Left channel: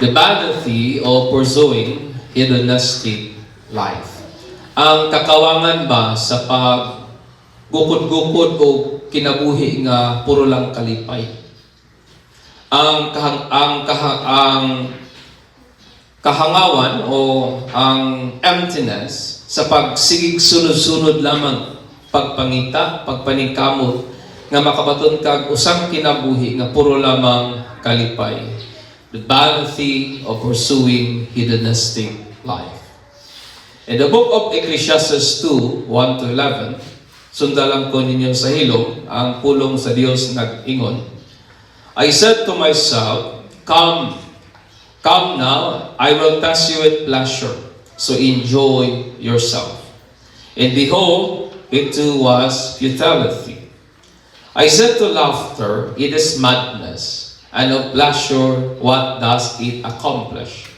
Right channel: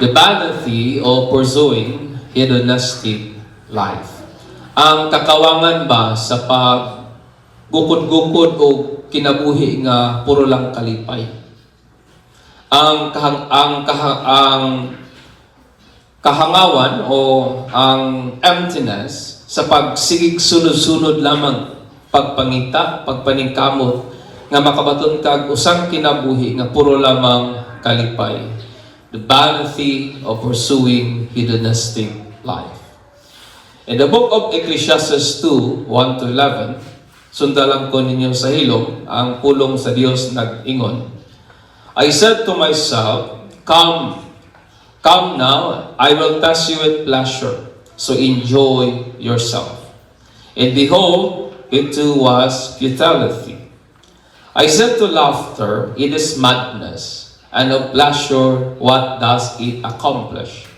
The vanity of pursuing hedonistic life. Ang kakawangan ba sa paggukod-gukod o kinabuhi nga puro lang kalipay? Ang kahangawan o ang emptiness sa pagsigig sunod-sunod lamang pagpangita, pagpaningkamot nga makabaton kag usang kinabuhi nga puro lamang kalipay. The vanity of pursuing hedonistic life. In the book of Ecclesiastes 2, 1-11, sundalan ko ninyo sa hilom, ang pulong sa Diyos nag-ingon. I said to myself, Come now, I will pass you with pleasure, so enjoy yourself. And behold, it too was futility. I said to laughter, it is madness, and of pleasure, what does it accomplish?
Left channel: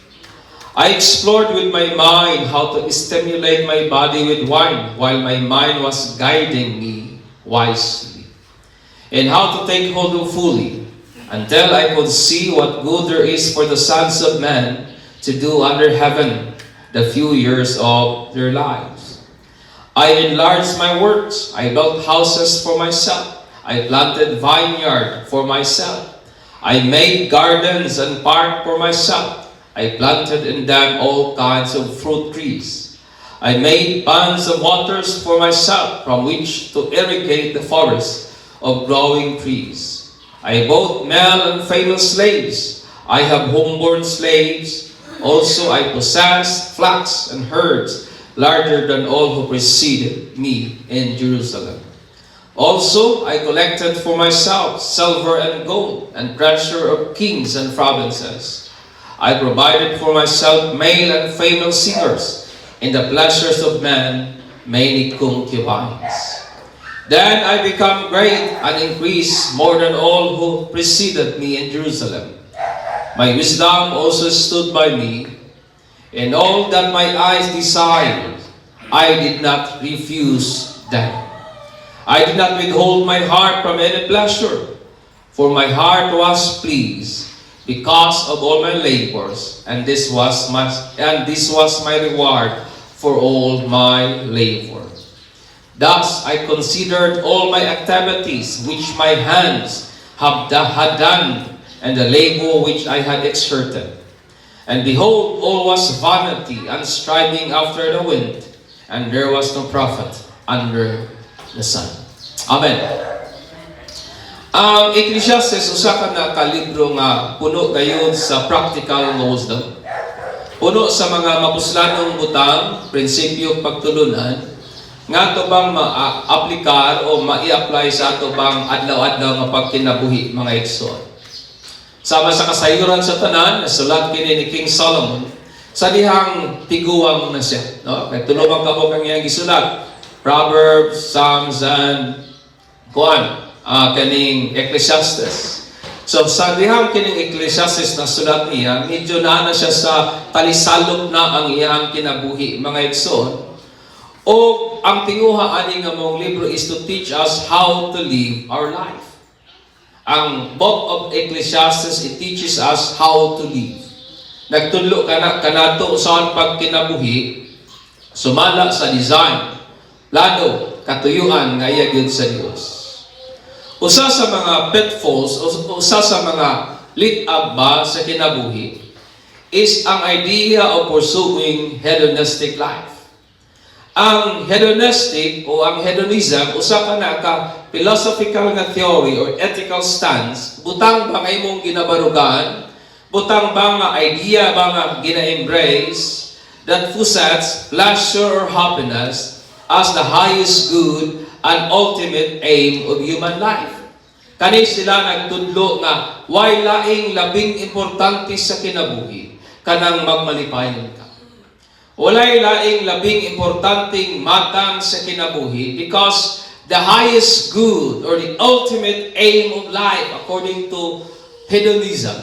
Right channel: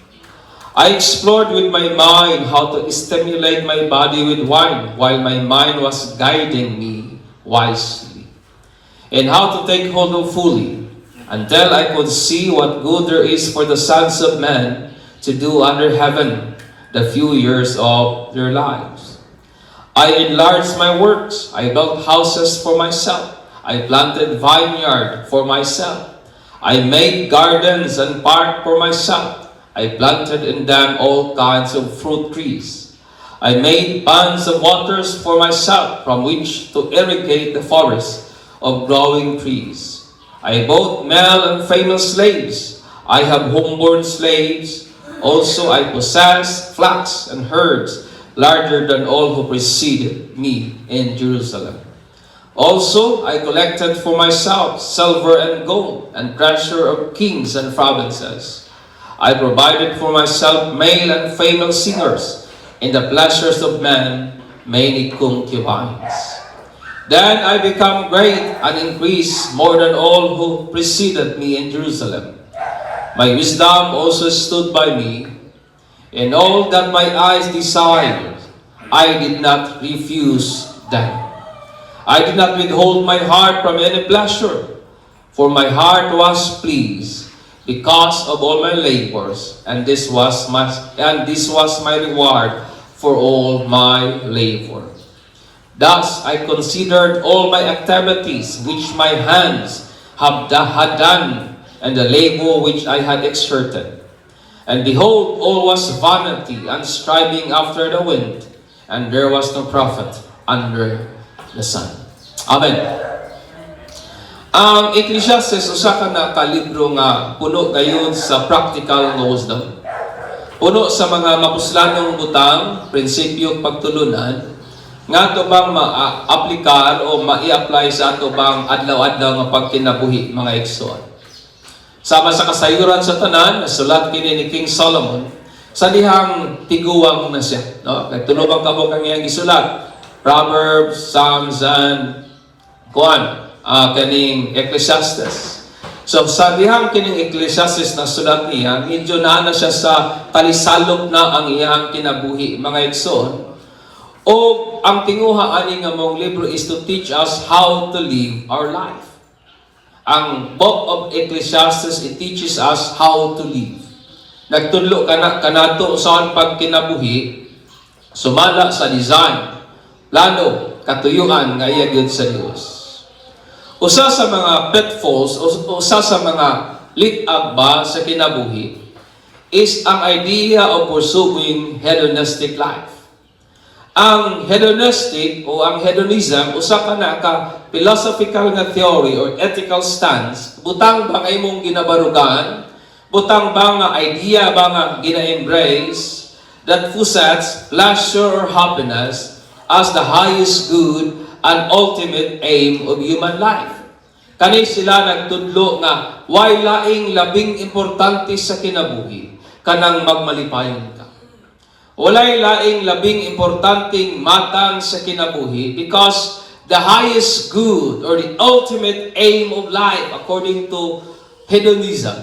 I explored with my mind how to stimulate my body with wine, while my mind was guiding me wisely, and how to take hold of fully, until I could see what good there is for the sons of men to do under heaven the few years of their lives. I enlarged my works. I built houses for myself. I planted vineyard for myself. I made gardens and park for myself. I planted in them all kinds of fruit trees. I made ponds of waters for myself from which to irrigate the forest of growing trees. I bought male and female slaves. I have homeborn slaves. Also I possess flocks and herds larger than all who preceded me in Jerusalem. Also I collected for myself silver and gold and treasure of kings and provinces. I provided for myself male and female singers, in the pleasures of men many concubines. Then I became great and increased more than all who preceded me in Jerusalem. My wisdom also stood by me, and all that my eyes desired, I did not refuse them. I did not withhold my heart from any pleasure, for my heart was pleased because of all my labors, and this was my reward for all my labor. Thus I considered all my activities which my hands had done, and the labor which I had exerted. And behold, all was vanity and striving after the wind, and there was no profit under the sun. Amen. Ang Ecclesiastes usa ka na kalibro nga puno gayud sa practical wisdom. Puno sa mga mapuslanong butang, prinsipyo pagtulunan nga ato bang ma-aplikar o ma-i-apply sa ato bang adlaw-adlaw nga pagkinabuhi mga igsoon. Sama sa kasayuran sa tanan, nasulat kini ni King Solomon sa dihang tiguwang na siya. No? Kaya tulubang kamo kang iyang isulat. Proverbs, Psalms, and kaning Ecclesiastes. So sa dihang kining Ecclesiastes na sulat niya, medyo na siya sa talisalok na ang iyang kinabuhi mga igsoon. O ang tinguha ani nga mong libro is to teach us how to live our life. Ang book of Ecclesiastes, it teaches us how to live. Nagtudlo kanato usahan pagkinabuhi, sumala sa design, plano, katuyuan nga iya gyud sa Dios. Usa sa mga pitfalls, usa sa mga lit-ag ba sa kinabuhi is ang idea of pursuing hedonistic life. Ang hedonistic o ang hedonism, usa ka na ka philosophical na theory or ethical stance, butang ba kay mong ginabarugan, butang ba nga idea ba nga gina-embrace that possess pleasure or happiness as the highest good and ultimate aim of human life. Kani sila nagtudlo nga way laing labing importante sa kinabuhi kanang magmalipayon ka. Walay laing labing importanteng matang sa kinabuhi because the highest good or the ultimate aim of life according to hedonism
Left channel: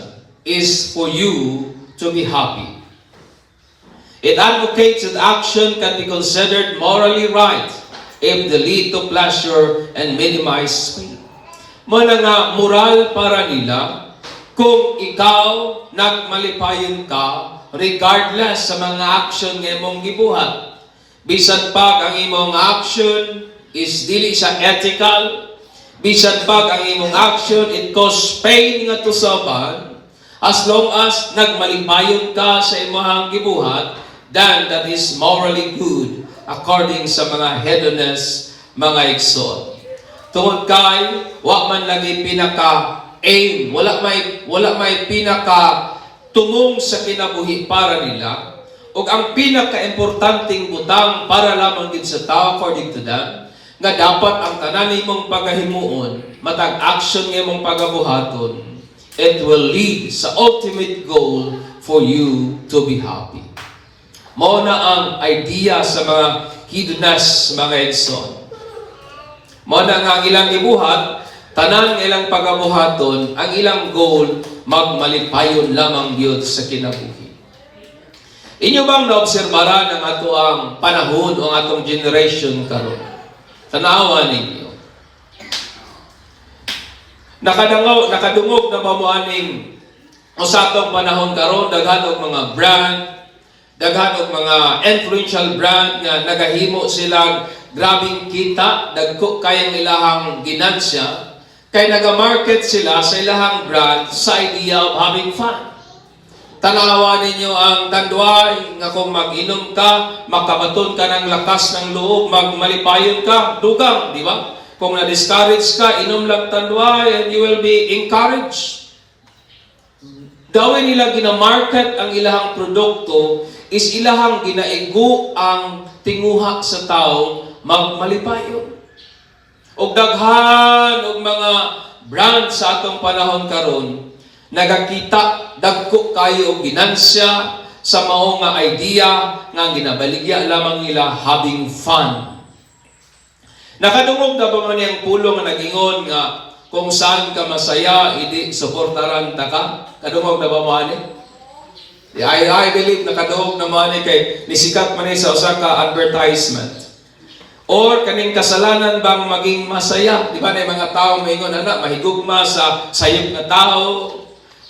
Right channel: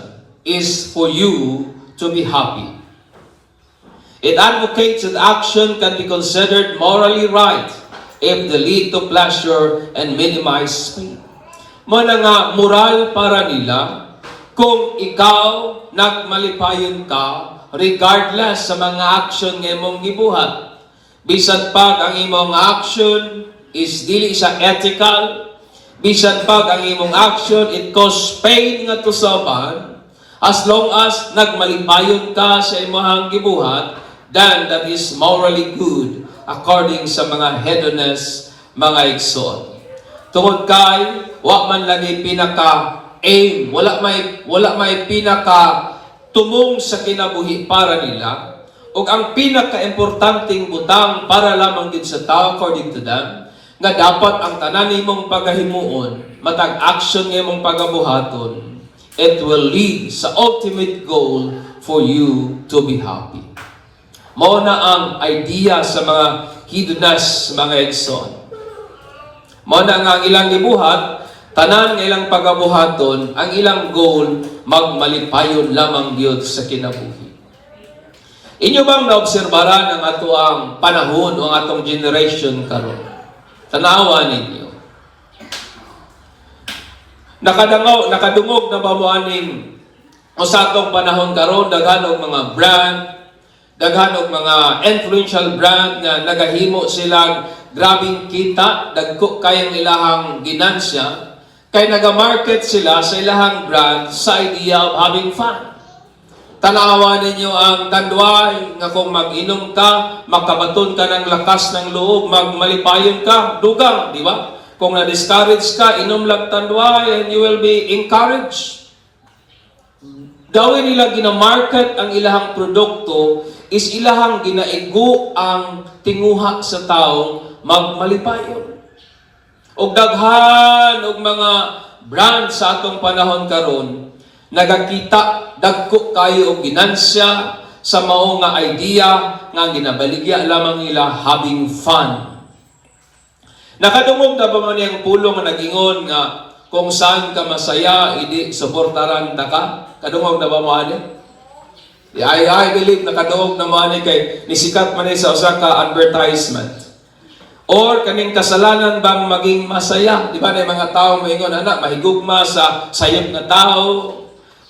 is for you to be happy. It advocates that action can be considered morally right if they lead to pleasure and minimize pain. Muna nga moral para nila kung ikaw nagmalipayon ka regardless sa mga action nga imong gibuhat. Bisan pag ang imong action is dili siya ethical, bisan pag ang imong action it cause pain nga to someone, as long as nagmalipayon ka sa imong gibuhat, then that is morally good according sa mga hedonist mga igsoon. Tungod kay wa man lagi pinaka-aim, wala may pinaka tumong sa kinabuhi para nila, ug ang pinaka-importanteng butang para lamang din sa tao according to them, nga dapat ang tanan nimong pagahimuon, matag action nimong pagabuhaton, it will lead sa ultimate goal for you to be happy. Mao na ang idea sa mga hedonist mga igsoon. Mao na nga ang ilang gibuhat, tanan nga ilang pagabuhaton, ang ilang goal, magmalipayon lamang gyud sa kinabuhi. Inyo bang naobserbaran ang ato ang panahon o ang atong generation karon? Tanawa ninyo. Nakadungog na ba mo aning o sa atong panahon karon, daghan og mga brand, daghan og mga influential brand nga nagahimo silang grabing kita, dagko kayang ilahang ginansya, kay nagamarket sila sa ilahang brand sa idea of having fun. Tanawa ninyo ang tandway nga kung mag-inom ka, makabaton ka ng lakas ng loob, magmalipayon ka, dugang, di ba? Kung na-discourage ka, inom lang tandway and you will be encouraged. Dawin nila ginamarket ang ilahang produkto is ilahang ginaigo ang tinguha sa taong magmalipayon. Og daghan og mga brand sa atong panahon karon nagakita dagko kayo og ginansya sa mao nga idea nga ginabaligya lamang nila having fun. Nakadungog na ba man yung pulong nga nagingon nga kung saan ka masaya, idi suportaran ta ka? Kadungog na ba mo ani? I believe nakadungog na mo ani kay nisikat man sa usa ka advertisement. Or kaning kasalanan bang maging masaya? Di ba na yung mga tao moingon, anak, mahigugma sa sayop na tao,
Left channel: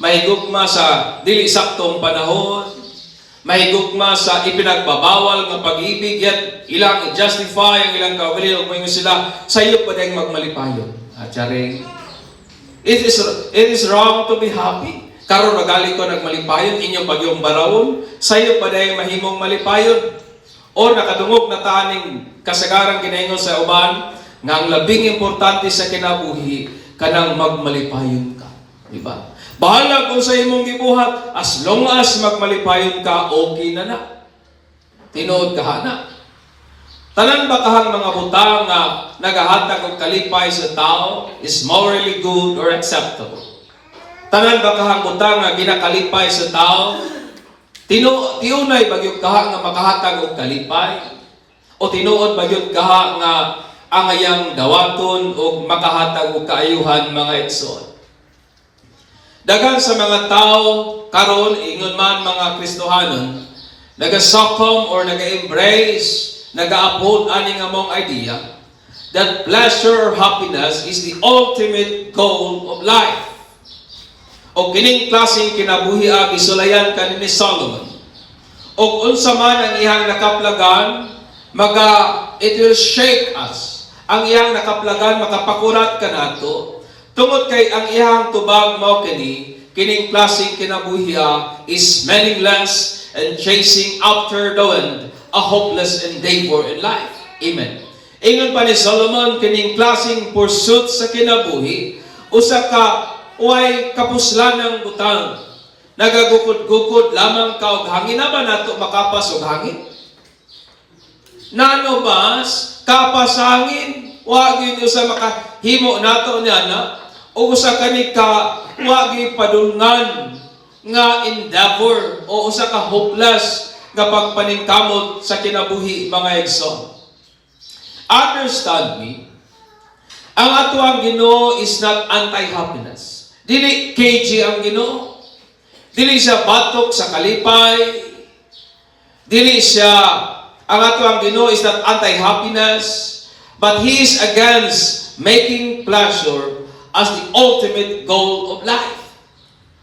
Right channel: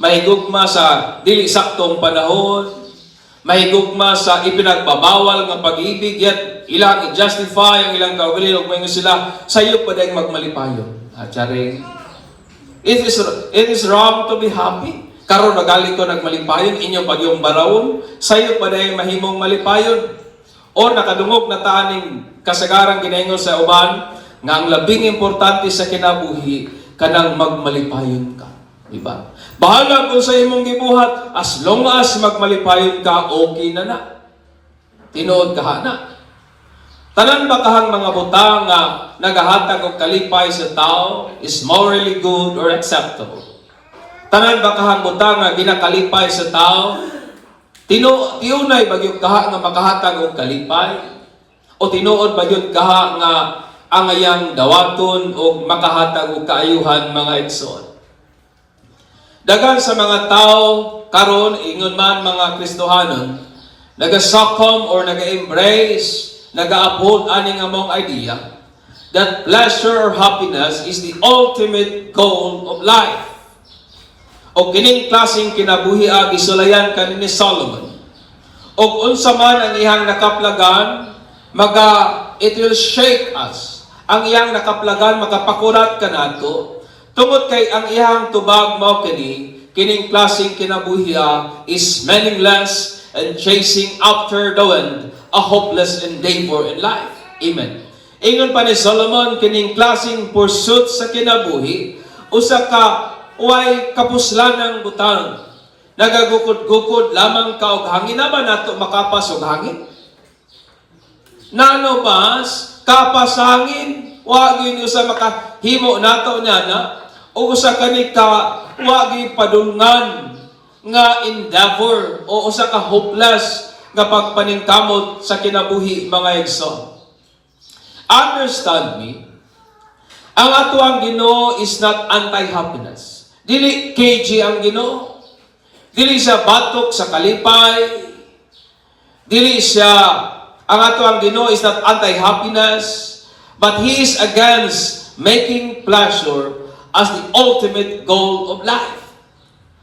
mahigugma sa dili saktong panahon, mahigugma sa ipinagbabawal ng pag-ibig, yet ilang i-justify ang ilang kaugali, o moingon sila, sayop pa dahil magmalipayon. Charing, it is wrong to be happy. Karon nagali ko nagmalipayon, inyong pagyong barawon, sayop pa dahil mahimong malipayon. O nakadungog na taning kasagarang ginaingon sa uban nga ang labing importante sa kinabuhi kanang magmalipayon ka, di ba? Bahala kung sa imong gibuhat, as long as magmalipayon ka, okay na na. Tinuod ka na. Tanan ba kahang mga butang nga nagahatag og kalipay sa tao is morally good or acceptable? Tanan ba kahang butang nga ginakalipay sa tao tiunay bagyog kaha nga makahatag og kalipay? O tinuod bagyog kaha nga angayang dawaton og makahatag og kaayuhan mga igsoon? Dagan sa mga tao karon, ingon man mga Kristohanon, naga-succumb or naga-embrace, naga-uphold ani nga mong idea that pleasure or happiness is the ultimate goal of life. O kining klaseng kinabuhi gisulayan kanini Solomon. O unsa man ang iyang nakaplagan, it will shake us. Ang iyang nakaplagan makapakurat kanato. Tungod kay ang iyang tubag mo kining klaseng kinabuhi is meaningless and chasing after the wind, a hopeless endeavor in life. Amen. Ingon pa ni Solomon, kining klaseng pursuit sa kinabuhi, usa ka uway kapuslanang butang. Nagagukod-gukod lamang ka og hangin, naman nato makapas og hangin. Nano mas kapas hangin, wa gyud usa makahimo nato niya na, o usa kani ka wa gyud padulngan nga endeavor o usa ka hopeless nga pagpaningkamot sa kinabuhi mga igsoon. Understand me, ang ato ang Ginoo is not anti-happiness. Dili KG ang Ginoo. Dili siya batok sa kalipay. Dili siya, ang ato ang Ginoo is not anti-happiness, but He is against making pleasure as the ultimate goal of life.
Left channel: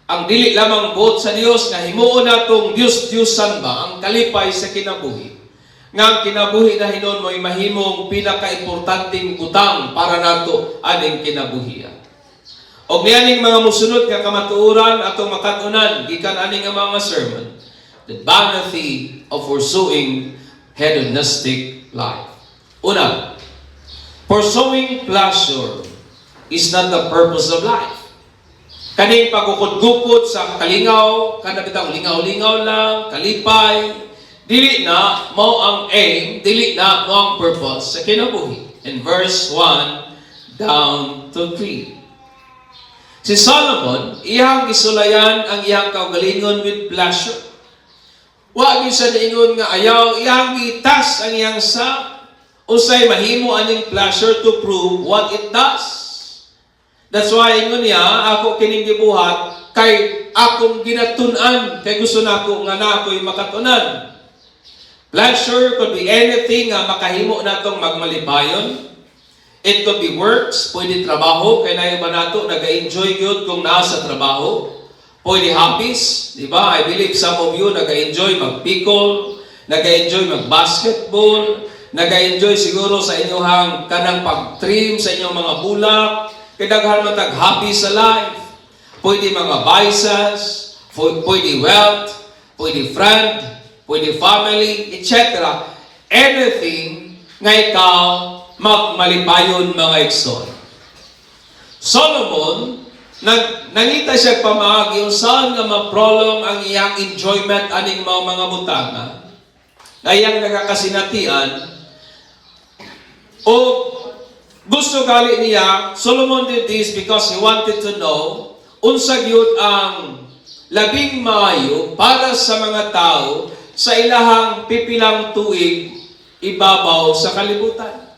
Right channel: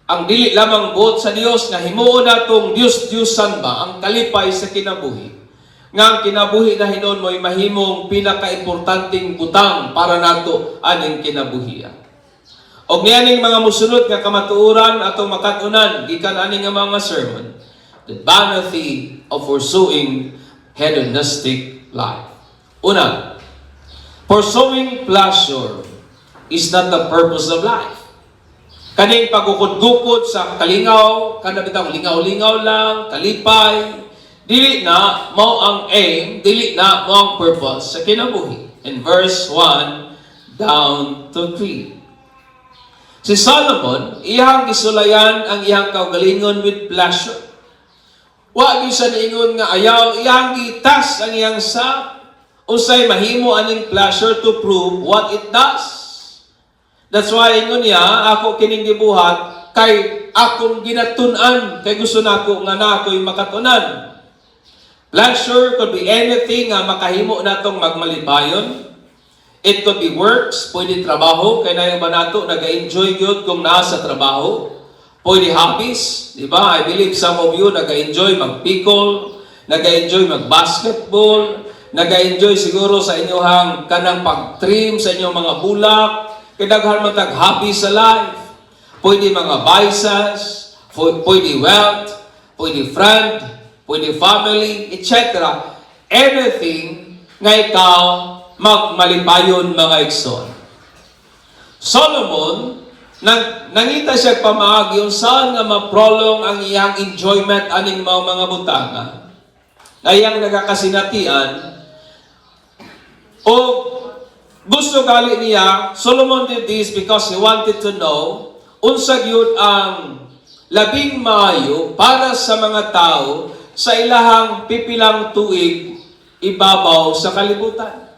ang dili lamang buot sa Dios nga himuon natong Dios-Diyosan ba ang kalipay sa kinabuhi. Nga ang kinabuhi na hinon mo'y mahimong pinaka-importanting butang para nato aning kinabuhian. Og niyaning mga musunod nga kamatuoran atong makatunan gikan aning nga mga sermon, the vanity of pursuing hedonistic life. Una, pursuing pleasure is not the purpose of life. Kaning pagukod-gukod sa kalingaw, kada bitaw lingaw-lingaw lang, kalipay, dili na mao ang aim, dili na mao ang purpose sa kinabuhi. In verse 1 down to 3. Si Solomon, iyang isulayan ang iyang kaugalingon with pleasure. Wa gyud sa niingon nga ayaw, iyang gitas ang iyang sa usay mahimo aning pleasure to prove what it does. That's why ingon niya, ako kining gibuhat kay akong ginatun-an, kay gusto nako nga nako'y makatunan. Pleasure could be anything nga makahimo natong magmalipayon. It could be works, pwede trabaho, kay nayo ba nato naga-enjoy gyud kung naa sa trabaho. Pwede hobbies, di ba? I believe some of you naga-enjoy magpikol, naga-enjoy magbasketball, naga-enjoy siguro sa inyong kanang pag-trim sa inyong mga bulak. Kaya daghan man tag happy sa life. Pwede mga vices, pwede wealth, pwede friend, pwede family, etc. Everything nga ikaw magmalipayon mga igsoon. Solomon, nangita siya pamaagi kung saan nga ma-prolong ang iyang enjoyment aning mga butanga. Na iyang nagakasinatian o gusto gali niya, Solomon did this because he wanted to know unsa gyud ang labing maayo para sa mga tao sa ilahang pipilang tuig ibabaw sa kalibutan.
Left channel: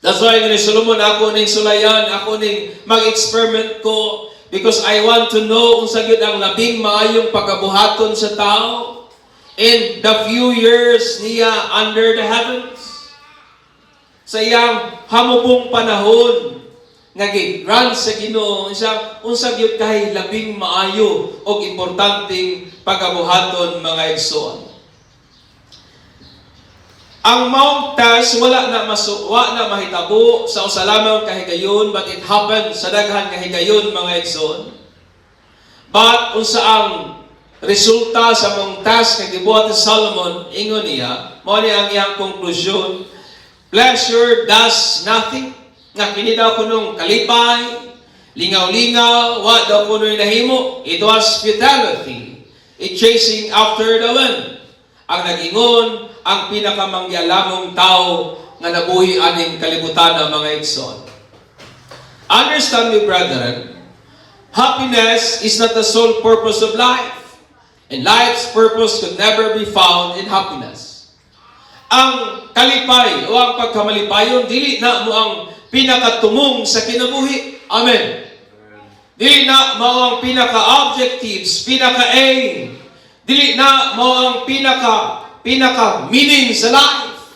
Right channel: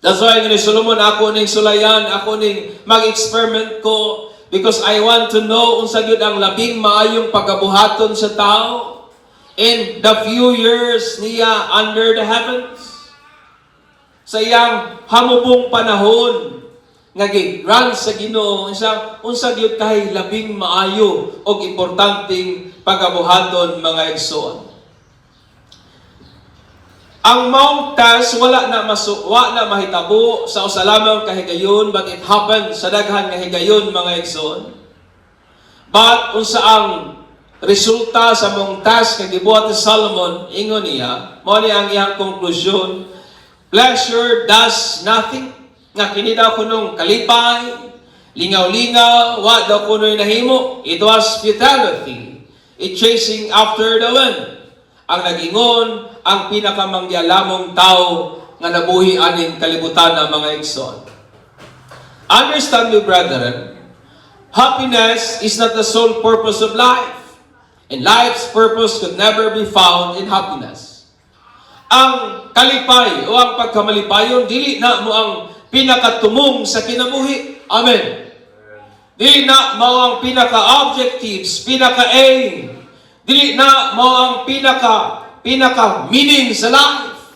That's why ni Solomon, ako ning sulayan, ako ning mag-experiment ko because I want to know unsa gyud ang labing maayong pagabuhaton sa tao in the few years niya under the heavens. Sa iyang hamubong panahon nga gi-grant sa Ginoo unsa gyud kay labing maayo og importanteng pagabuhaton mga igsoon. Ang Mount Tash wala na mahitabo sa usa lamang kahigayon, but it happened sa daghan nga higayon mga igsoon. But unsa ang resulta sa Mount Tash nga gibuhat ni Solomon, ingon niya, mao ni ang iyang konklusyon. Pleasure does nothing. Nga kini daw kunong kalipay, lingaw-lingaw, wa daw kuno'y nahimo. It was futility. It chasing after the wind. Ang nag-ingon, ang pinakamangyalamong tao nga nabuhi aning kalibutan ng mga igsoon. Understand me, brethren, happiness is not the sole purpose of life. And life's purpose could never be found in happiness. Ang kalipay o ang pagkamalipayon, dili na mo ang pinakatumong sa kinabuhi. Amen. Dili na mo ang pinaka-objectives, pinaka-aim. Dili na mo ang pinaka-meaning sa life.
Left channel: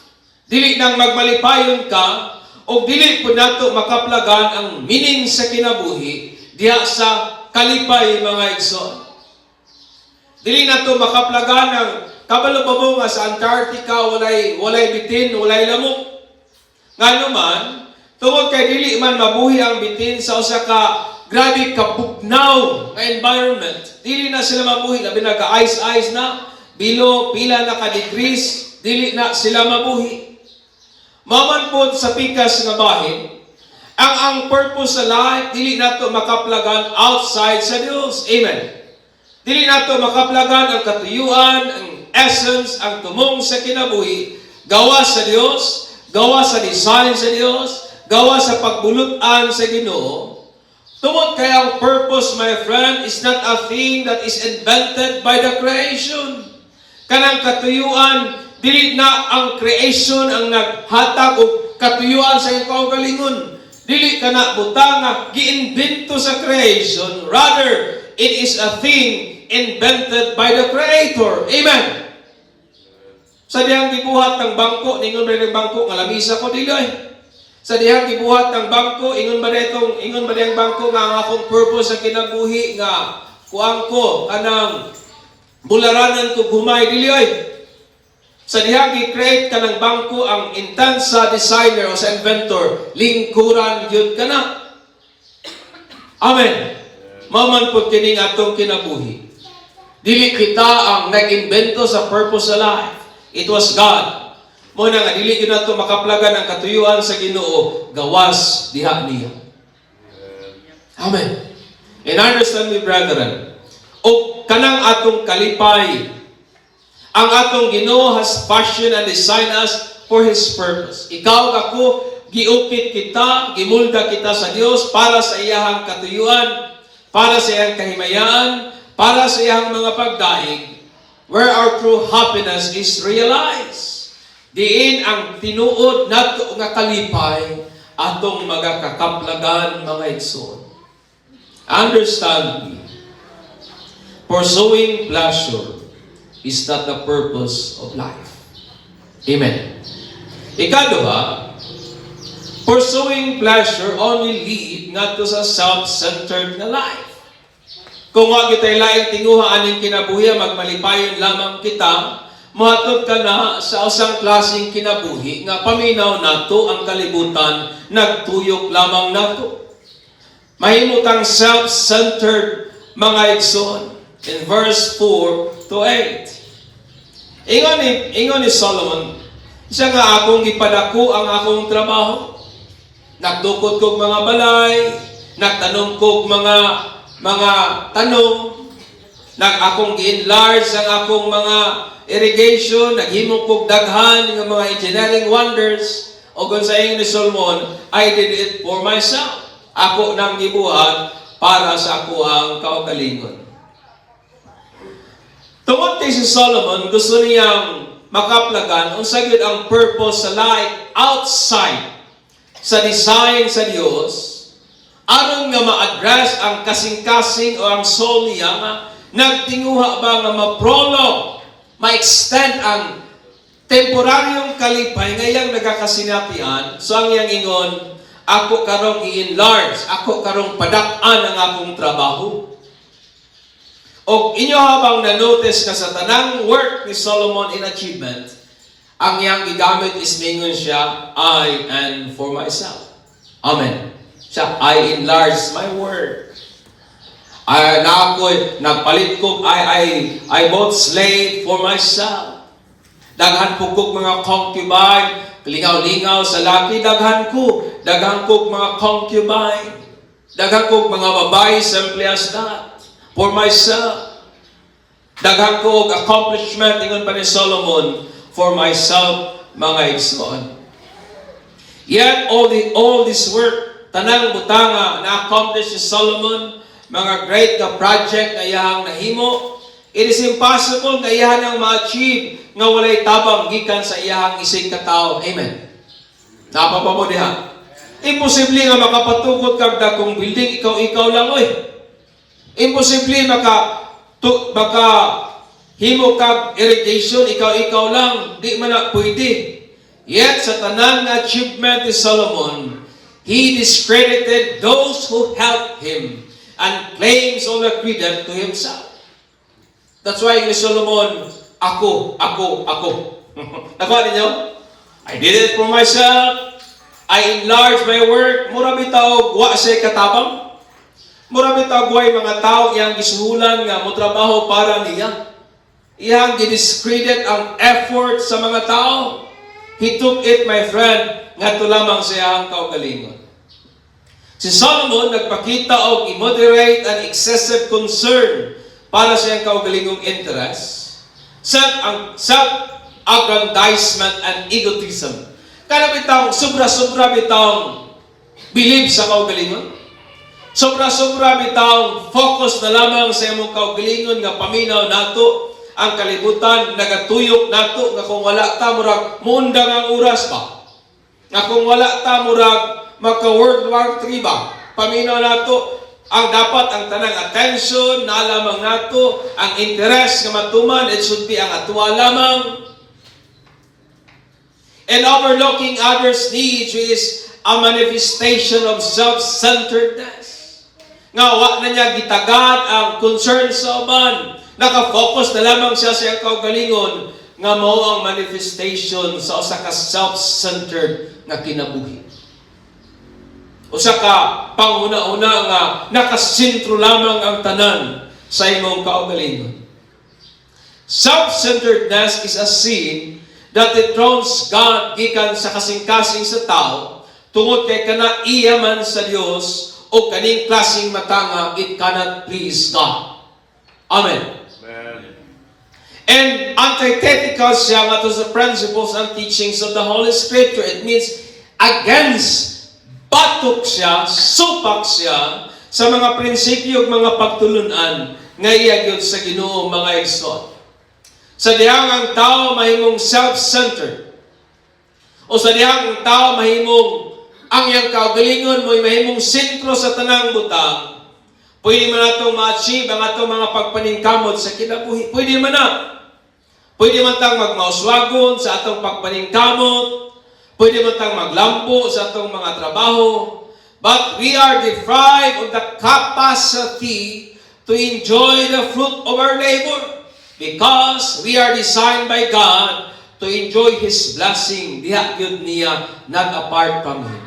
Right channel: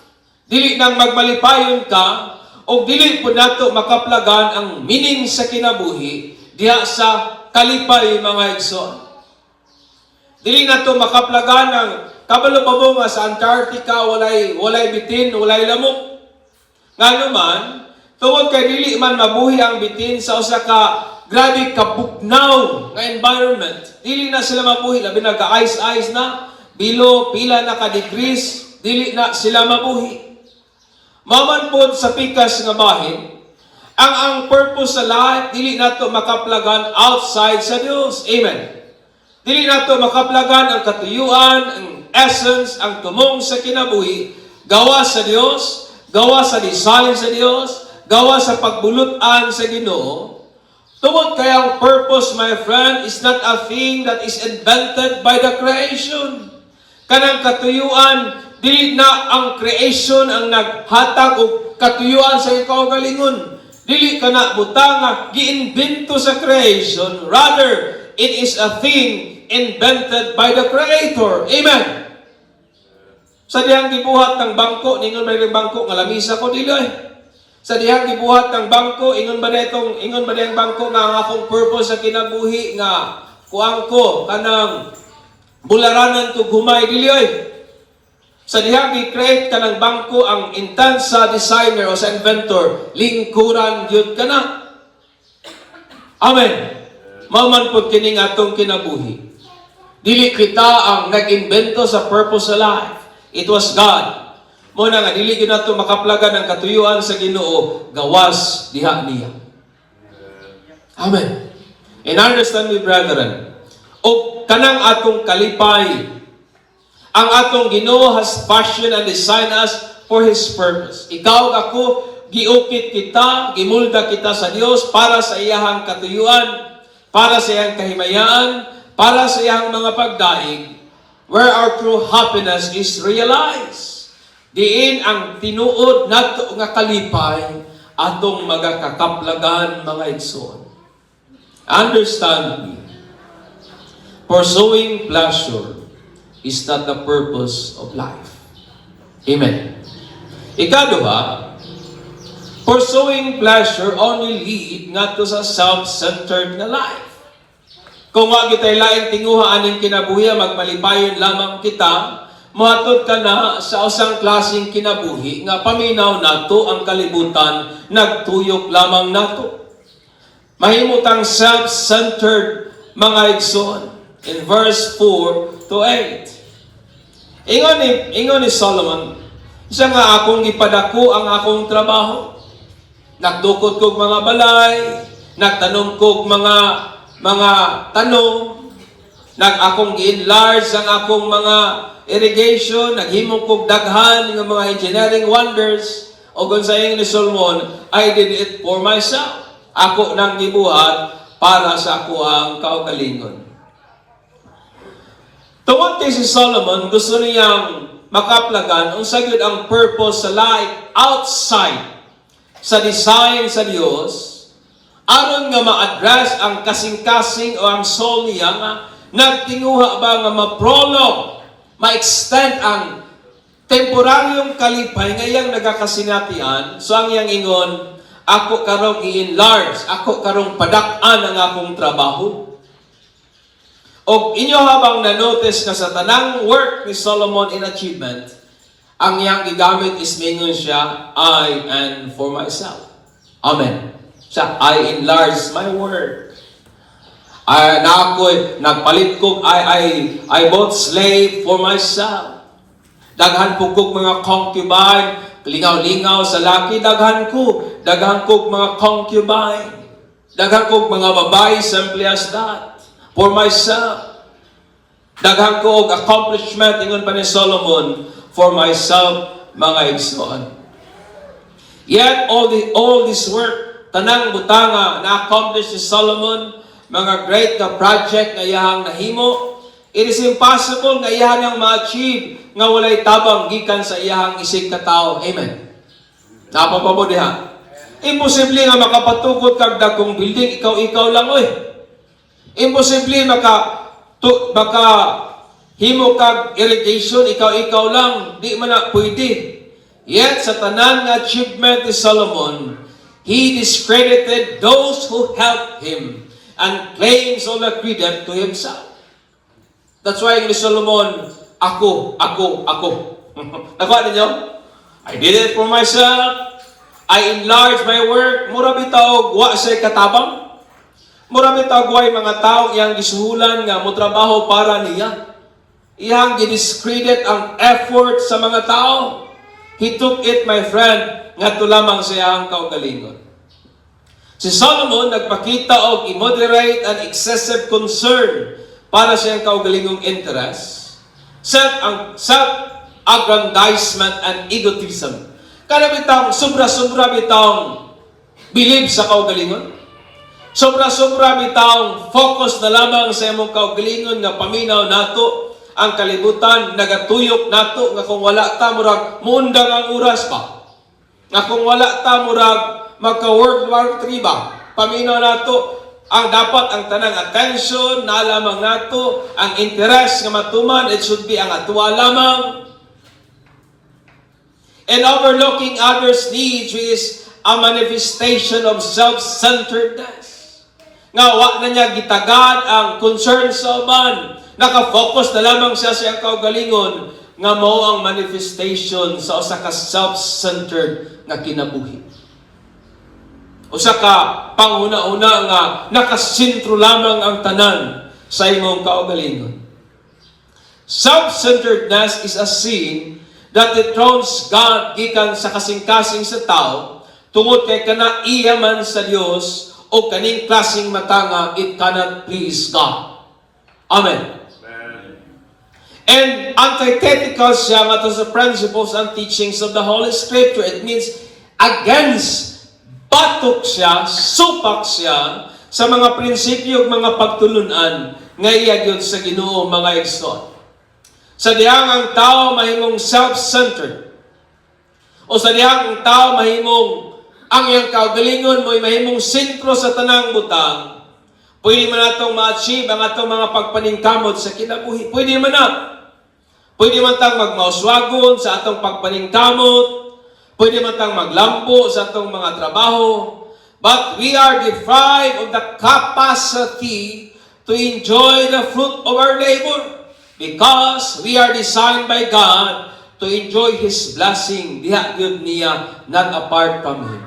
Dili nang magmalipayon ka o dili po nato makaplagan ang meaning sa kinabuhi diha sa kalipay mga igsoon. Dili nato makaplagan ang kabalo pa mo nga sa Antarctica walay bitin, walay lamok. Nga naman, tungod kay dili man mabuhi ang bitin sa usa ka grabe kabugnaw nga environment, dili na sila mabuhi, labi na ka-ice na, bilo, pila na ka-degrees, dili na sila mabuhi. Maman po sa pikas nga bahin, ang purpose sa life, dili na to makaplagan outside sa Dios. Amen. Dili na to makaplagan ang katuyuan, ang essence, ang tumong sa kinabuhi, gawa sa Dios, gawa sa design sa Dios, gawa sa pagbulutan sa Ginoo. Tungod kay ang purpose, my friend, is not a thing that is invented by the creation. Kanang katuyuan, dili na ang creation ang naghatag og katuyuan sa iyong kaugalingon. Dili ka na butang nga giimbento sa creation. Rather, it is a thing invented by the Creator. Amen. Sa dihang gibuhat ng bangko, ningon ba yung bangko nga lamisa ko dili ay. Sa dihang gibuhat ng bangko, ingon ba dihang bangko nga ang akong purpose sa kinabuhi nga kuang ko kanang bularanan ko gumay dili ay. Sa diha gi-create ka ng bangko ang intent sa designer o sa inventor, lingkuran gyud kana. Amen. Mauman pud kining atong kinabuhi. Dili kita ang nag-invento sa purpose sa life. It was God. Mo na nga dili gyud nato makaplagan ang katuyuan sa Ginoo, gawas diha niya. Amen. And understand me, brethren, o kanang atong kalipay, ang atong Ginoo has passion and design us for His purpose. Ikaw ako, giukit kita, gimulda kita sa Dios para sa iyahang katuyuan, para sa iyang kahimayaan, para sa iyang mga pagdaig, where our true happiness is realized. Diin ang tinuod nato nga kalipay atong magakakaplagan mga igsoon. Understand me. Pursuing pleasure is not the purpose of life. Amen. Ikaduha, pursuing pleasure only lead not to sa self-centered na life. Kung nga kita'y laing tinguha aning kinabuhi, magmalipayon lamang kita, muhatod ka na sa asang klaseng kinabuhi, nga paminaw nato ang kalibutan, nagtuyok lamang nato. Mahimutang self-centered mga igsoon. In verse 4 to 8. Ingon ni Solomon, siya nga akong ipadako ang akong trabaho. Nagdukot kog mga balay, nagtanong kog mga tanong, akong gi-enlarge ang akong mga irrigation, naghimo kog daghan ng mga engineering wonders, o kung sa ni Solomon, I did it for myself. Ako nang gibuhat para sa ako ang kaugalingon. Tungod kay si Solomon, gusto niyang makaplagan unsa gyud ang purpose sa life outside sa design sa Dios, aron nga ma-address ang kasing-kasing o ang soul niya nga nagtinguha ba nga ma-prolong, ma-extend ang temporaryong kalipay nga iyang nagakasinatian. So ang iyang ingon, ako karong i-enlarge, ako karong padak-an ang akong trabaho. O inyo habang na-notice na sa tanang work ni Solomon in achievement, ang iyang gigamit is mingon siya, I and for myself. Amen. Siya, I enlarge my work. Nagpalit ko, I bought slave for myself. Daghan po kog mga concubine, lingaw-lingaw sa laki, daghan ko mga concubine. Daghan kog mga babae, simply as that. For myself. Daghan ko og accomplishment, ingon pa ni Solomon, for myself, mga igsoon. Yet, all this work, tanang butanga na-accomplish ni Solomon, mga great na project na iyahang nahimo, it is impossible na iyahang ma-achieve nga walay tabang gikan sa iyahang isig katao. Amen. Napapamo diha. Imposible nga makapatukod kag dagkong building, ikaw lang oy. Imposible maka himo kag irrigation, ikaw lang, di man na pwede. Yet sa tanan nga achievement ni Solomon, he discredited those who helped him and claims all the credit to himself. That's why ni Solomon, ako. Nakuha ninyo? I did it for myself. I enlarged my work. Mura bitaw wa sa katabang. Mura bitaw way mga tao iyang gisuhulan nga mo trabaho para niya. Iyang gidiscredit ang effort sa mga tao. He took it, my friend, ngadto lamang sa iyang kaugalingon. Si Solomon nagpakita og immoderate and excessive concern para sa iyang kaugalingong interest, self-aggrandizement and egotism. Kada bitang sobra-sobra bitang believe sa kaugalingon. Sobra-sobra bitang focus na lamang sa imong kaugalingon nga paminaw nato ang kalibutan, nagatuyok nato nga kung wala ta murag muundang ang oras pa. Nga kung wala ta murag magka-World War III ba? Paminaw nato ang dapat ang tanang attention na lamang nato, ang interest nga matuman, it should be ang atuwa lamang. And overlooking others' needs is a manifestation of self-centeredness. nga wa na niya gitagad ang concern sa uban. Naka-focus na lamang siya sa iyang kaugalingon nga mao ang manifestation sa usa ka self-centered nga kinabuhi. Usa ka panguna-una nga nakasentro lamang ang tanan sa imong kaugalingon. Self-centeredness is a sin that dethrones God gikan sa kasing-kasing sa tao tungod kay kana iya man sa Dios o kaning klaseng matanga, it cannot please God. Amen. And antithetical siya nga to the principles and teachings of the Holy Scripture. It means against, batok siya, supak siya sa mga prinsipyo ug mga pagtulunan nga iya gyud sa Ginoo mga igsoon. Sa dihang ang tao mahimong self-centered o sa dihang ang tao mahimong ang iyang kaugalingon mo'y mahimong sentro sa tanang butang, pwede man natong ma-achieve ang atong mga pagpaningkamot sa kinabuhi. Pwede man na. Pwede man tang magmauswagon sa atong pagpaningkamot. Pwede man tang maglambo sa atong mga trabaho. But we are deprived of the capacity to enjoy the fruit of our labor. Because we are designed by God to enjoy His blessing. Diha gyud niya nag-apart from Him.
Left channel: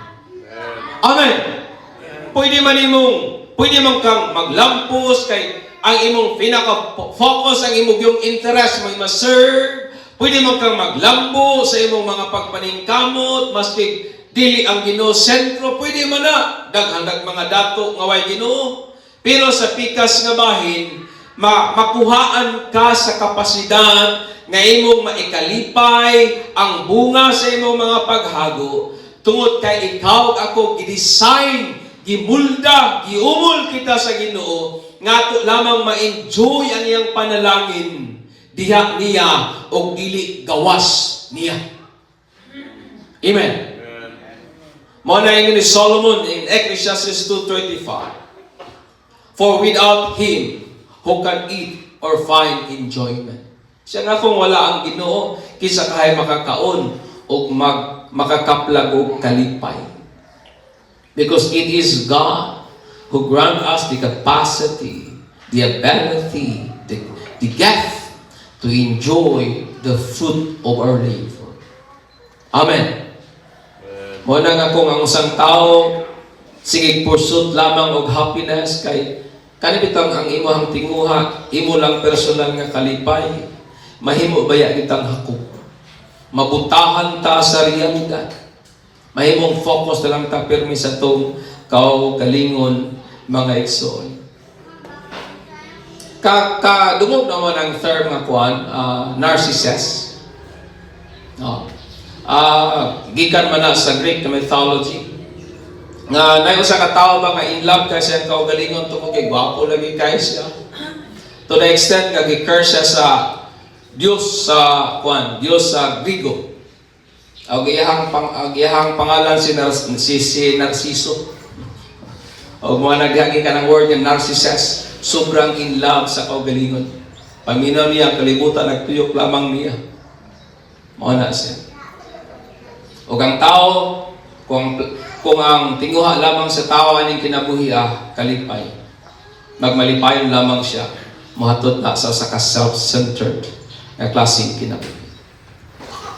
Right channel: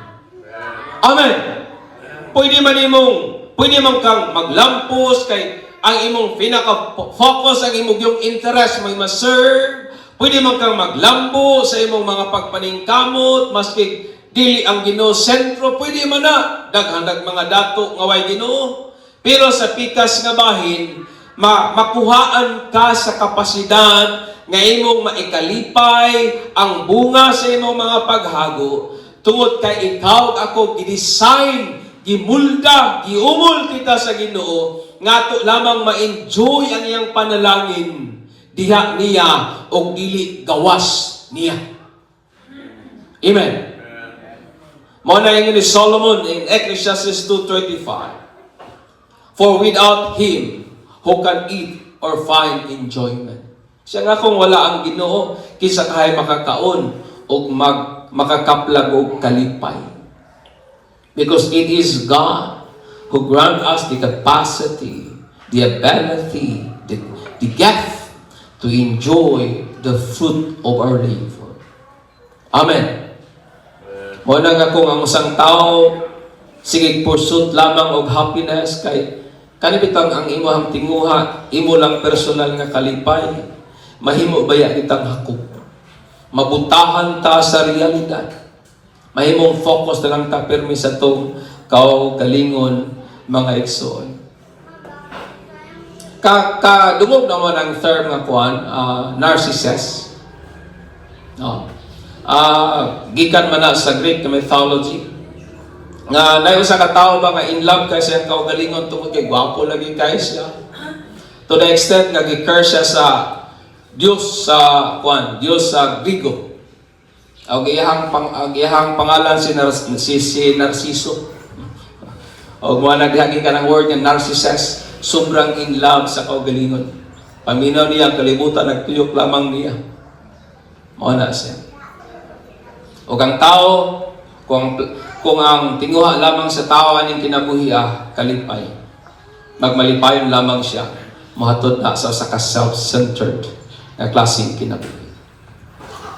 Amen. Pwede man kang maglampos kay ang imong pinaka-focus, ang imong yung interest may ma-serve. Pwede man kang maglambo sa imong mga pagpaningkamot, maski dili ang Ginoo sentro, pwede man na daghanag mga dato nga way Ginoo. Pero sa pikas nga bahin, makuhaan ka sa kapasidad nga imong maikalipay ang bunga sa imong mga paghago tungod kay ikaw ako gidesign, gimulda, giumol kita sa Ginoo ngato lamang ma-enjoy ang iyang panalangin diha niya o dili gawas niya. Amen. Mao na ingon ni Solomon in Ecclesiastes 2:25. For without Him who can eat or find enjoyment. Siya nga kung wala ang Ginoo, kisa kahay makakaon o makakaplag o kalipay. Because it is God who grant us the capacity, the ability, the gift to enjoy the fruit of our labor. Amen. Muna nga kung ang isang tao sige pursuit lamang og happiness kay kanibitang ang imuhang tinguha, imo lang personal nga kalipay, mahimo baya kitang hakop. Mabutahan ta sa realidad. Mahimong focus na lang ta pirmi sa tong kaugalingon mga igsoon. Dungog naman ang term nga kuan, narcissist. Gikan man na sa Greek mythology. Nga nayo sa katawo ba nga in love ka siya kaugalingon tungod kay gwapo lagi kay siya. To the extent nga gi-curse siya sa Diyos sa Diyos sa Grigo. Ang iyahang pangalan si Narciso. O mga naghagi ka ng word niya, narcissist. Sobrang in love sa kaugalingon. Paminaw niya, kalimutan, nagtuyok lamang niya. Mga nasa. O ang tao, kung ang tinguha lamang sa tao aning kinabuhi kalipay, magmalipayon lamang siya, mahatod na sa self-centered na klaseng kinabuhi.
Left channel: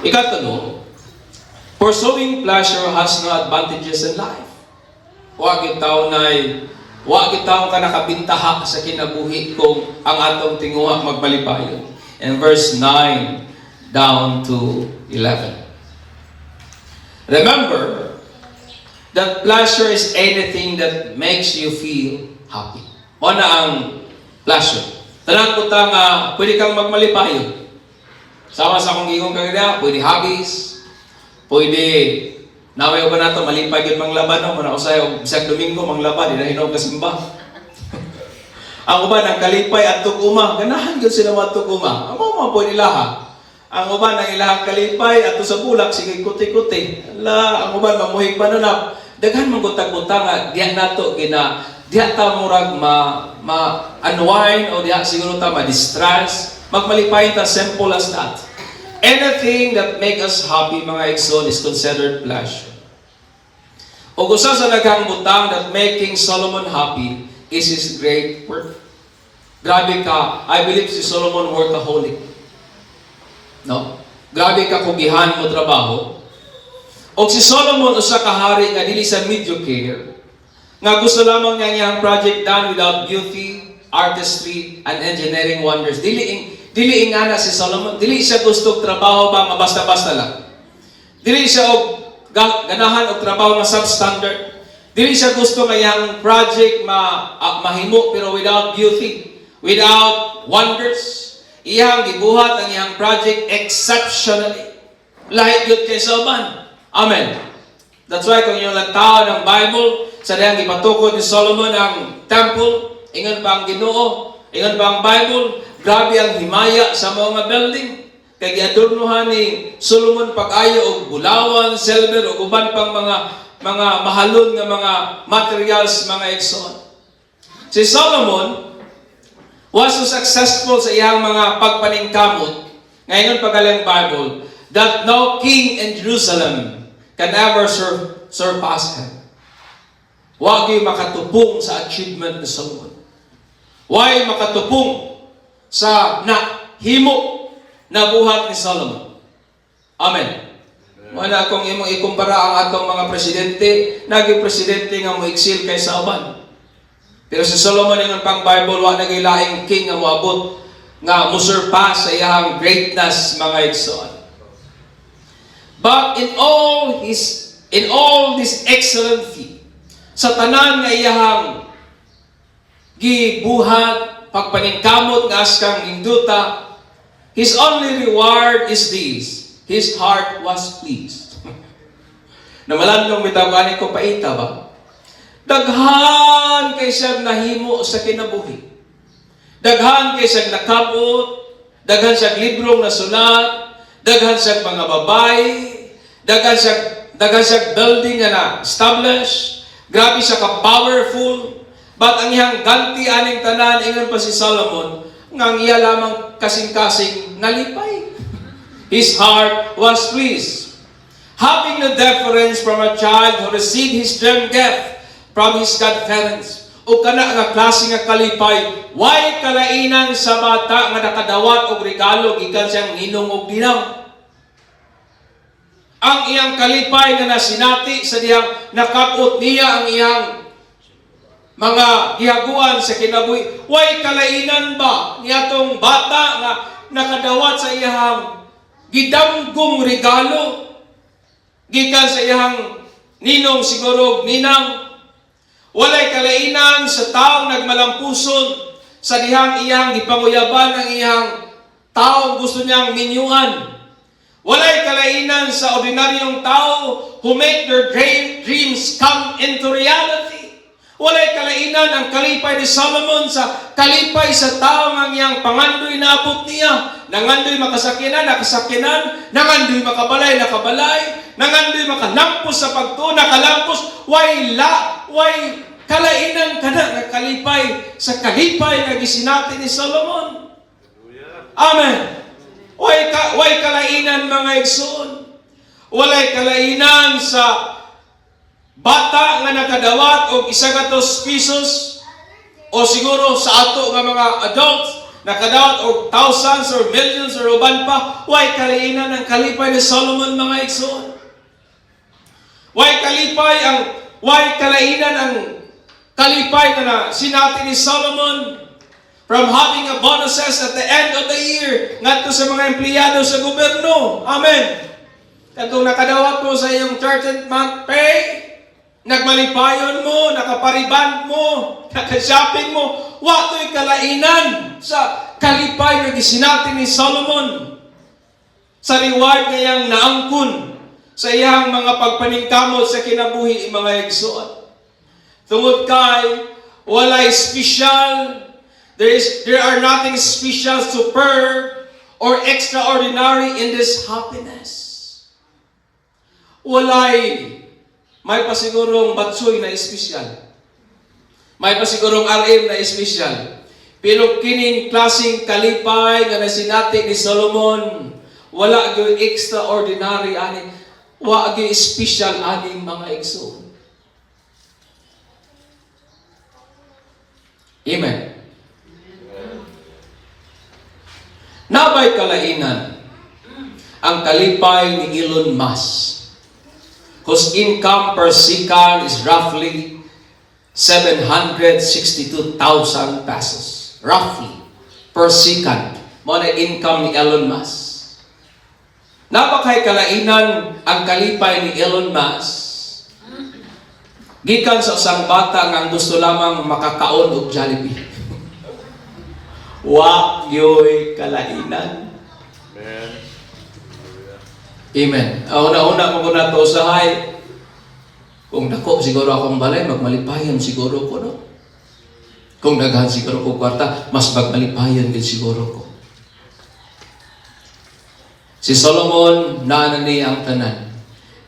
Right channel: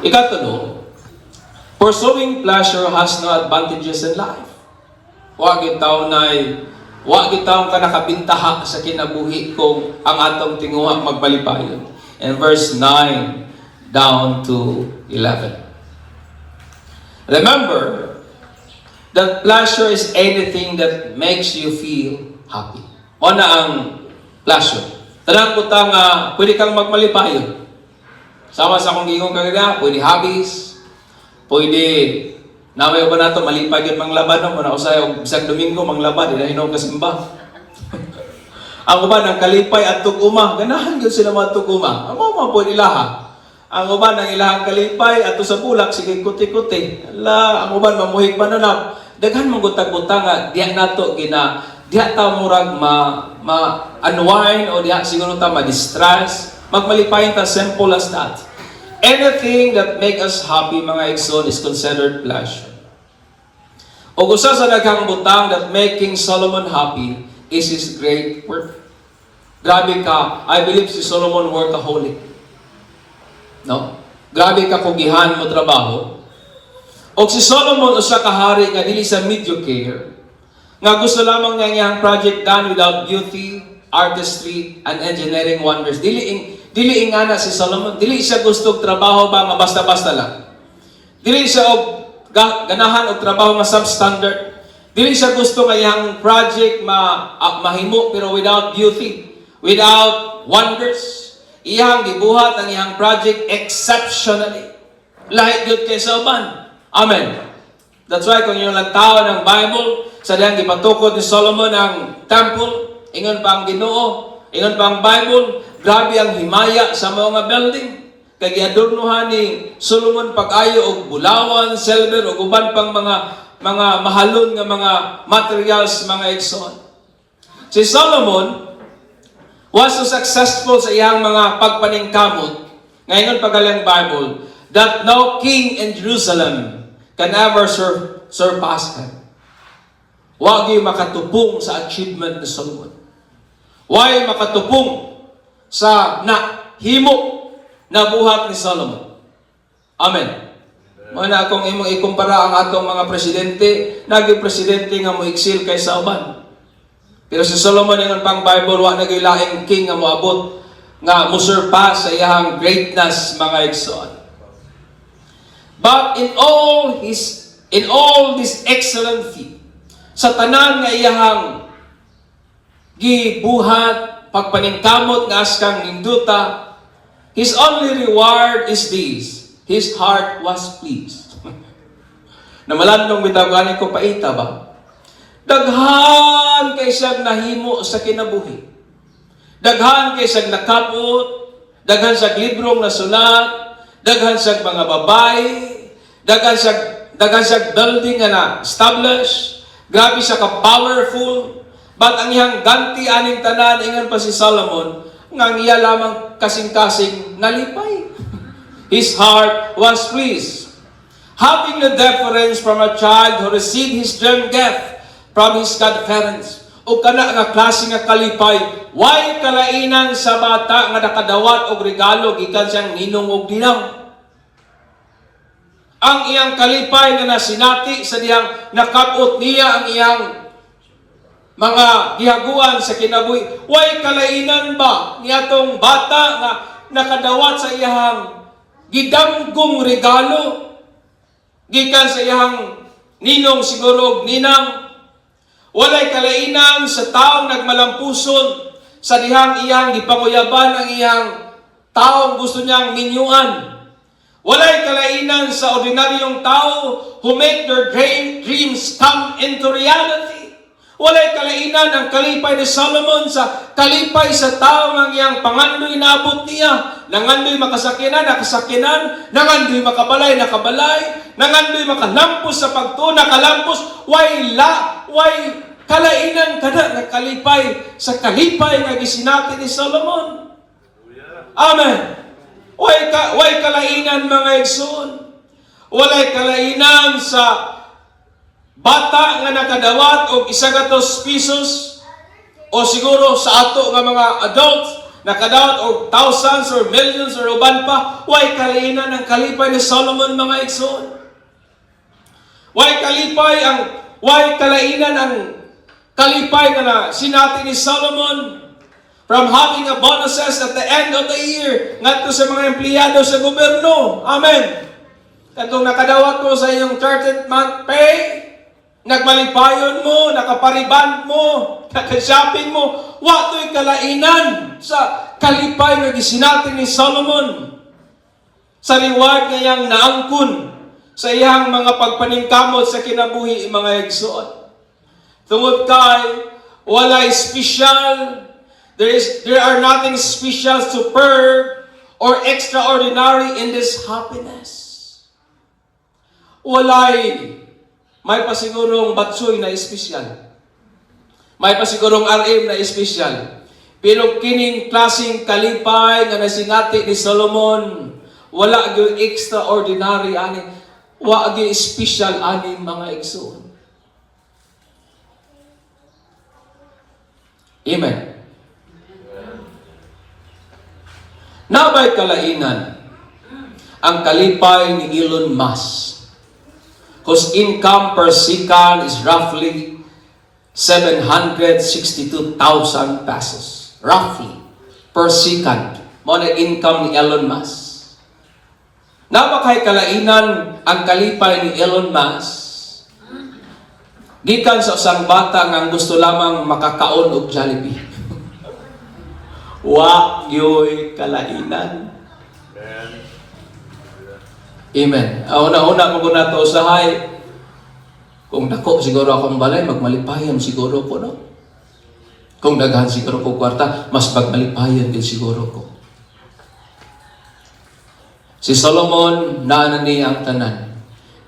Ikatulo, pursuing pleasure has no advantages in life. Huwag itaw ka nakabintaha sa kinabuhi kung ang atong tinguha magbalipayon. And verse 9 down to 11. Remember that pleasure is anything that makes you feel happy. O na ang pleasure. Tanang ko nga, pwede kang magmalipayon. Sama sa kong gigong kagaya, pwede hobbies, pwede, namay ba nato, malipay yun manglaban, no? Muna ko sa'yo, bisag Domingo, manglaban, inahinog ka simba. Ang uban, ang kalipay at tuguma, ganahan yun sila matuguma. Ang mga pwede laha. Ang uban, ang ilahang kalipay, at sa bulak, sige kuti-kuti. Ang uban, mamuhig pa nun na, daghan mong gutag-gutang nga, diyan nato, diyan ta murag ma-unwind, o diyan siguro ta ma-distress, magmalipayin ta, simple as that. Anything that make us happy, mga igsoon, is considered pleasure. O gusto sa naghang butang that making Solomon happy is his great work. Grabe ka, I believe si Solomon workaholic. No? Grabe ka kugihan mo trabaho. O si Solomon usa ka hari nga dili sa mediocre, nga gusto lamang nga iyang project done without beauty, artistry, and engineering wonders. Dili ingana si Solomon. Dili siya gusto trabaho ba nga basta-basta lang. Dili siya og ganahan og trabaho nga substandard. Dili siya gusto nga iyang project mahimo pero without beauty, without wonders. Iyang gibuhat ang iyang project exceptionally. Lahi gyud kay sa uban. Amen. That's why kung yung lantaw ng Bible, sa diyang ipatukod ni Solomon ang temple, ingon pa ang Ginoo, ingon pa ang Bible, grabe ang himaya sa mga building. Kaya giadornohan ni Solomon pag-ayo og bulawan, silver, o uban pang mga mahalon nga mga materials, mga igsoon. Si Solomon was so successful sa iyang mga pagpaningkamot, ngayon pagaling Bible, that no king in Jerusalem can ever surpass him. Wag yung makatupong sa achievement ni Solomon. Why makatupong sa himo na buhat ni Solomon. Amen. Mana akong imong ikumpara ang atong mga presidente, naging presidente nga moiksil kay sa uban. Pero si Solomon yung pang Bible, wa naging laing king nga moabot nga musurpass sa iyang greatness, mga igsoon. But in all this excellent feat, sa tanan nga iyahang gibuhat, pagpaningkamot nga askang induta, his only reward is this: his heart was pleased. Namalandong bitawgani ko paita ba? Daghan kay siyang nahimo sa kinabuhi. Daghan kay siyang nakabot, daghan siyang librong nasulat, daghan siyang mga babae, daghan siyang building nga na-establish, grabe siya ka-powerful, but ang iyang ganti aning tanan, ingon pa si Solomon, nga iya lamang kasing-kasing nalipay. His heart was pleased. Having the deference from a child who received his dream gift from his godparents, o kana nga klase nga kalipay, why kalainan sa bata nga nakadawat og regalo gikan siyang ninong og dinaw. Ang iyang kalipay na nasinati sa diyang nakapot niya ang iyang mga gihaguan sa kinabuhi. Way kalainan ba niyatong bata na nakadawat sa iyang gidamgong regalo gikan sa iyang ninong siguro ninang. Walay kalainan sa taong nagmalampuson sa dihang iyang gipanguyaban ang iyang taong gusto niyang minyuan. Walay kalainan sa ordinaryong tao who make their dreams come into reality. Walay kalainan ang kalipay ni Solomon sa kalipay sa tao ng iyang pangandoy na abot niya. Nangandoy makasakinan, nakasakinan. Nangandoy makabalay, nakabalay. Nangandoy makalampos sa pagtuo, nakalampos. Way kalainan kada na kalipay sa kalipay nga gisinati ni Solomon. Amen. Way kalainan, mga igsoon. Walay kalainan sa bata nga nakadawat og 100 pesos o siguro sa ato nga mga adults nakadawat og thousands or millions or uban pa. Way kalainan ang kalipay ni Solomon, mga igsoon. Way kalainan ang kalipay nga sinati ni Solomon. From having a bonuses at the end of the year, ngadto sa mga empleyado sa gobyerno. Amen. Katong nakadawat mo sa iyong 13th month pay, nagmalipayon mo, nakapariband mo, nakashopping mo, wato'y kalainan sa kalipay nga gisinati ni Solomon. Sa reward nga iyang naangkon sa iyang mga pagpaningkamot sa kinabuhi, mga igsoon. Tungod kay walay special, there are nothing special, superb, or extraordinary in this happiness. May pasigurong batsoy na espesyal. May pasigurong RM na espesyal. Pero kining klaseng kalipay nga nasinati ni Solomon, wala gyud extraordinary ani, wa gyud special ani, mga igsoon. Amen. Nabay kalainan ang kalipay ni Elon Musk, whose income per second is roughly 762,000 pesos. Roughly, per second. Mo na income ni Elon Musk. Napakay kalainan ang kalipay ni Elon Musk. Gikan sa isang bata nga gusto lamang makakaon og Jollibee. Wa yoy kalainan. Amen. Una-una ko muna to usahay. Kung dako siguro akong balay, magmalipayon siguro ko, no? Kung daghan siguro ko kwarta, mas magmalipayon din siguro ko. Si Solomon, naanan niya ang tanan.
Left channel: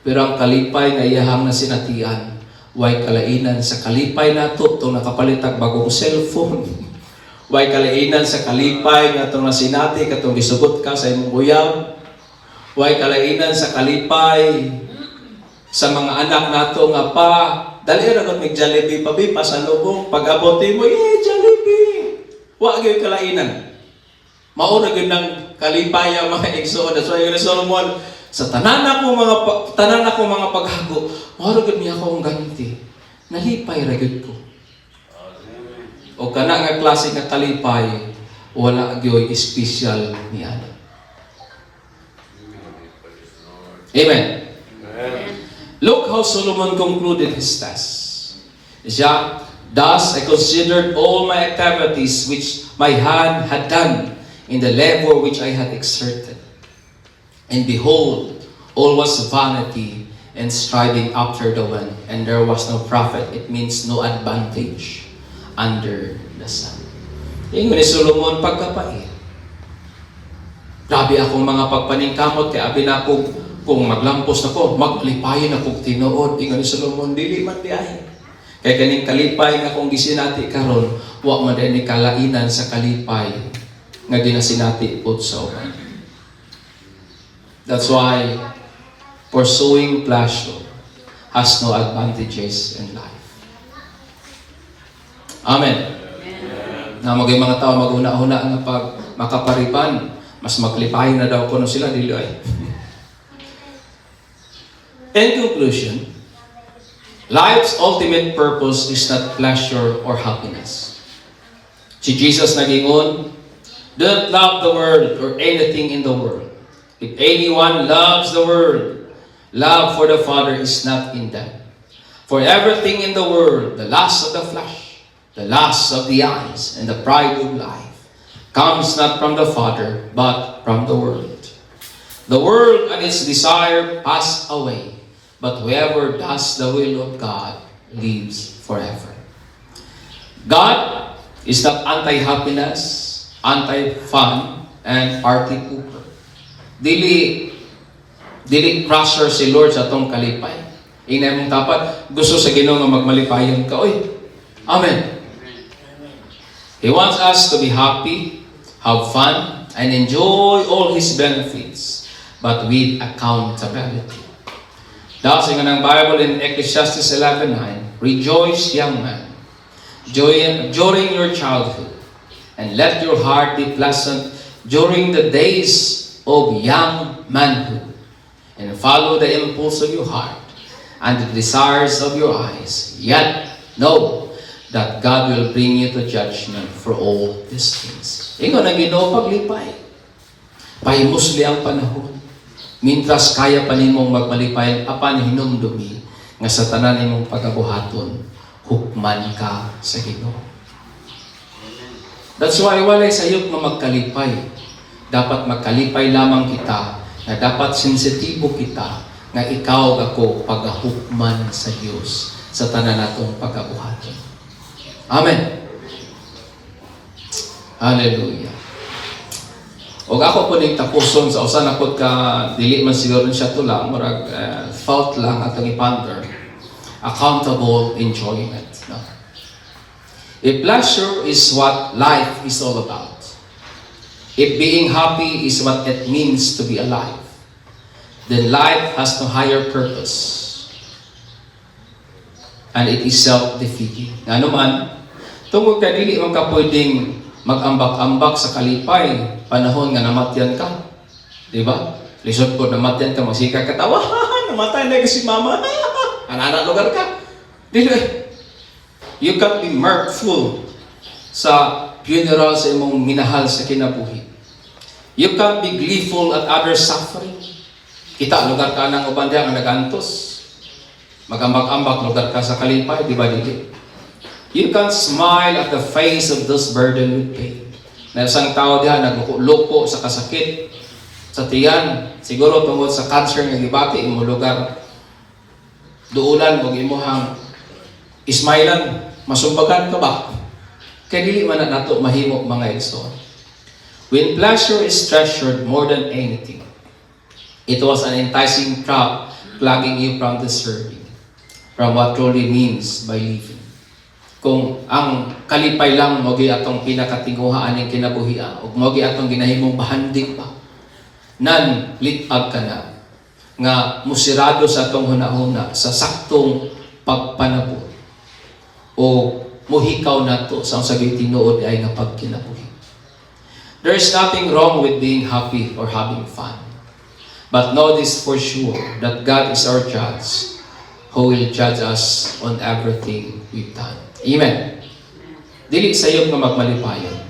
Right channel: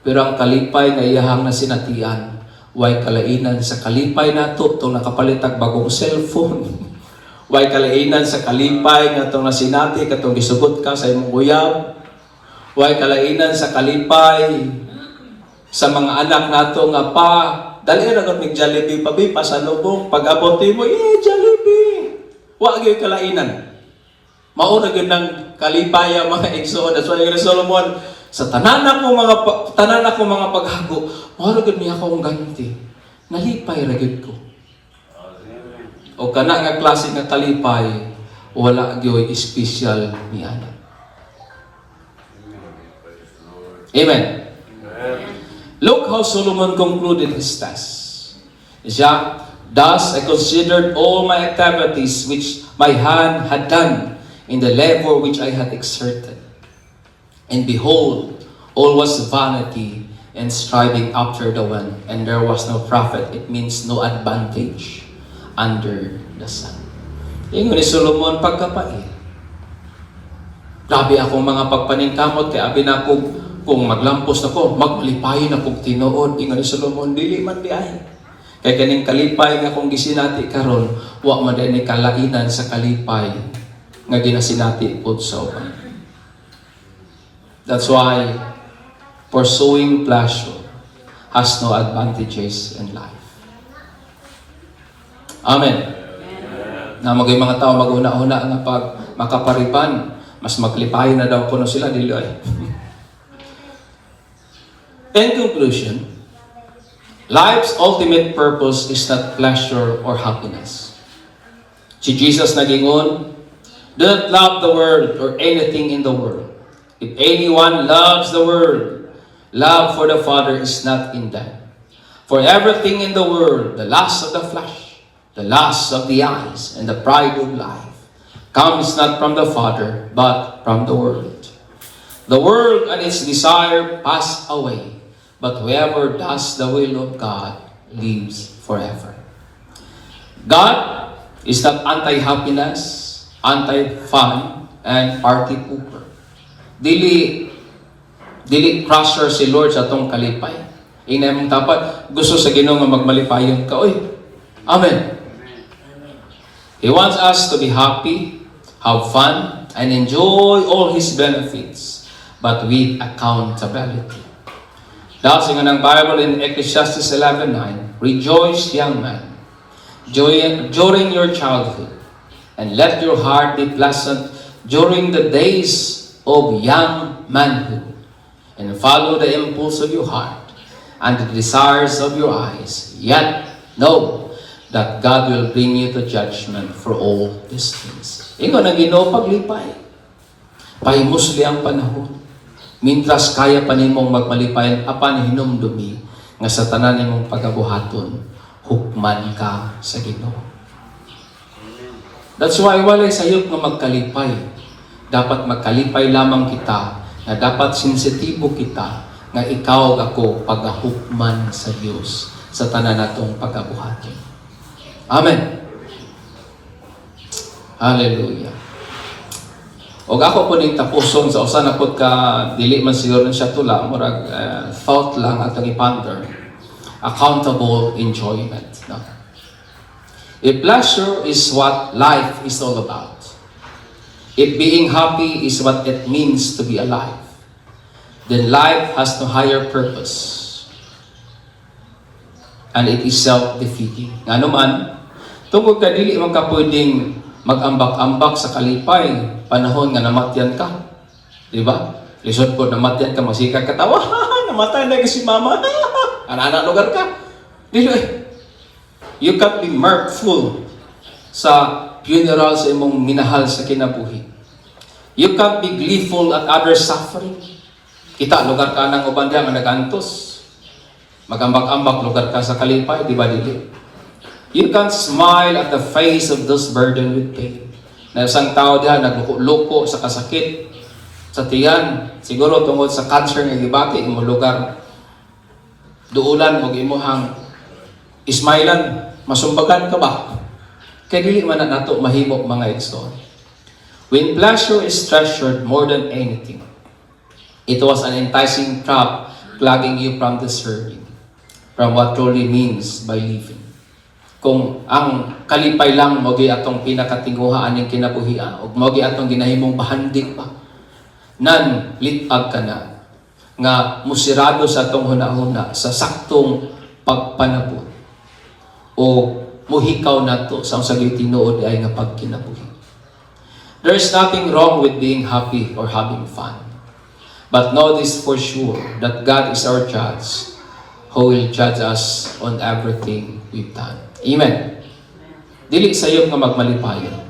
Pero ang kalipay na iyahang na sinatian, way kalainan sa kalipay na ito, itong nakapalitag bagong cellphone. Way kalainan sa kalipay nga itong nasinati, katong isugot ka sa imong uyab. Way kalainan sa kalipay sa mga anak nato nga pa, dali ra kami Jollibee pa bi pasalubong pag-abot mo, Jollibee. Wa gyud kalainan. Mauna gyud nang kalipay ang mga igsoon. That's why Solomon sa tanan ako mga paghago, mao gyud niya akong ganti. Nalipay ra gyud ko. O kana nga klase nga kalipay, wala gyud special niya. Amen. Look how Solomon concluded his task. Thus I considered all my activities which my hand had done in the labor which I had exerted. And behold, all was vanity and striving after the wind, and there was no profit. It means no advantage under the sun. Ingon ni Solomon pagkapait. Grabe akong mga pagpaningkamot kay abi na kung maglampos ako, maglipayon akong tinuod. Ingon ni Solomon, dili man di ay. Kaya kaning kalipay nga kung gisinati karon, wa man din ni kalainan sa kalipay nga ginasinati pod sa uban. That's why pursuing pleasure has no advantages in life. Amen. Na maging mga tao mag-una-una nga pag makapariban, mas maglipay na daw kuno sila dili ay. In conclusion, life's ultimate purpose is not pleasure or happiness. Si Jesus nagingon, do not love the world or anything in the world. If anyone loves the world, love for the Father is not in them. For everything in the world, the lust of the flesh, the lust of the eyes, and the pride of life, comes not from the Father, but from the world. The world and its desire pass away, but whoever does the will of God lives forever. God is not anti-happiness, anti-fun, and party pooper. Dili crusher si Lord sa atong kalipay. Ina mong tapat, gusto sa Ginoo nga magmalipayon ka. Oy, amen. He wants us to be happy, have fun, and enjoy all His benefits, but with accountability. Dahil nga ng Bible in Ecclesiastes 11:9, rejoice, young man, during your childhood, and let your heart be pleasant during the days of young manhood, and follow the impulse of your heart and the desires of your eyes. Yet know that God will bring you to judgment for all these things. Ingon ang Ginoo paglipay. Pahimusli ang panahon. Mintras kaya pa nimong magmalipay apan hinumdumi nga sa tanan nimong pagabuhaton, hukman ka sa Ginoo. That's why walay sayop nga magkalipay. Dapat magkalipay lamang kita, nga dapat sensitibo kita, nga ikaw ako pagahukman sa Dios sa tanan natong pagabuhaton. Amen. Hallelujah. O ako po ning tapuson sa usa na pod ka dili man siguro siya tula murag thought lang atong iponder. Accountable enjoyment. No? If pleasure is what life is all about, if being happy is what it means to be alive, then life has no higher purpose, and it is self-defeating. Nga naman, Tungkol ka dili man ka pwedeng mag-ambak-ambak sa kalipay panahon nga namatyan ka. Di ba? Lisod ko namatyan ka, magsika ka tawa, namatay na si mama. Anak lugar ka. Dili. You can't be mirthful sa funeral sa imong minahal sa kinabuhi. You can't be gleeful at others' suffering. Kita, lugar ka ng uban diha nga nagantos. Magambak-ambak lugar ka sa kalipay, di ba dili? You can't smile at the face of those burdened with pain. Na isang tao diha nagluko sa kasakit, sa tiyan, siguro tungod sa cancer nga gibati imong lugar. Duulan og imuhang ismailan, masumbagan ka ba? Kaya dili man na nato mahimo mga igsoon. When pleasure is treasured more than anything, it was an enticing trap plugging you from the serving, from what truly means by living. Kung ang kalipay lang mogi atong pinakatinguhaan ng kinabuhian ug mogi atong ginahimong bahandig pa, nan litag ka na nga musirado sa atong hunahuna sa saktong pagpanabot o muhikaw nato sa usagay tinuod ay nga pagkinabuhi. There is nothing wrong with being happy or having fun. But know this for sure, that God is our judge, who will judge us on everything we've done. Amen. Dili sa iyo nga magmalipayon.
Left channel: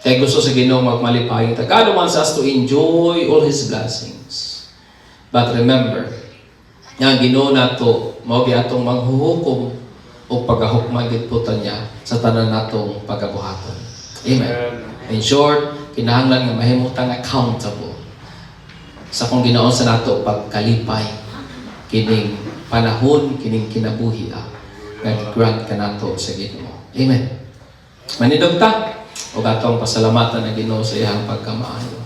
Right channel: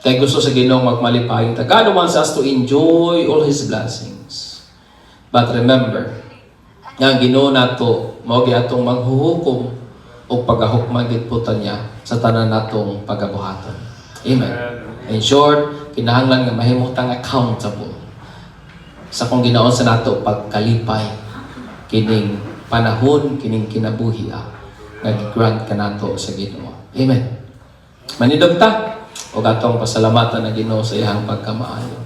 Kaya gusto sa Ginoo magmalipayon. God wants us to enjoy all His blessings. But remember, nga Ginoo nato mao gi atong manghuhukom o paghahukman gidputan niya sa tanan natong pagabuhaton. Amen. In short, kinahanglan nga mahimutang accountable sa kung ginaon sa nato pagkalipay kining panahon, kining kinabuhi nag-grant ka nato sa Ginoo. Amen. Manidog ta o atong pasalamatan na Ginoo sa iyang pagkamaayo.